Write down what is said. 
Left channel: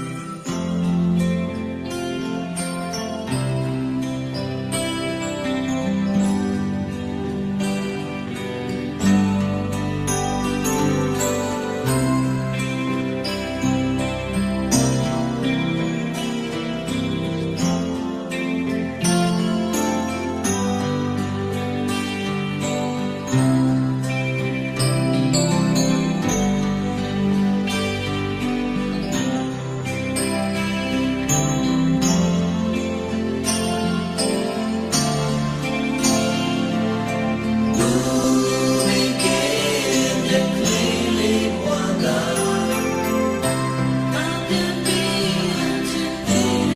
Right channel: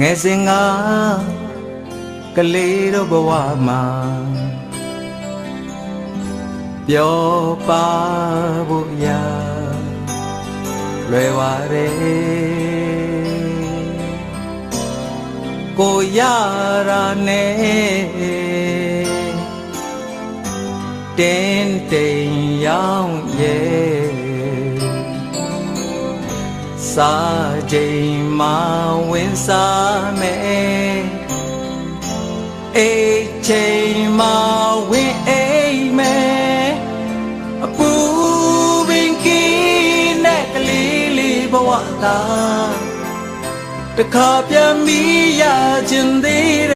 ငယ်စဉ်ကကလေးတို့ဘဝမှာပျော်ပါဖို့များလွယ်ပါတယ်ကိုရတာနဲ့တင်းတိမ်ရောက်ရဲ့စာချိန် အိတ်ချိန်မှာဝင်အိမ်မယ်အပူပင်ကင်းနဲ့ကလေးလေးဘဝသားတခါပြန်ပြီး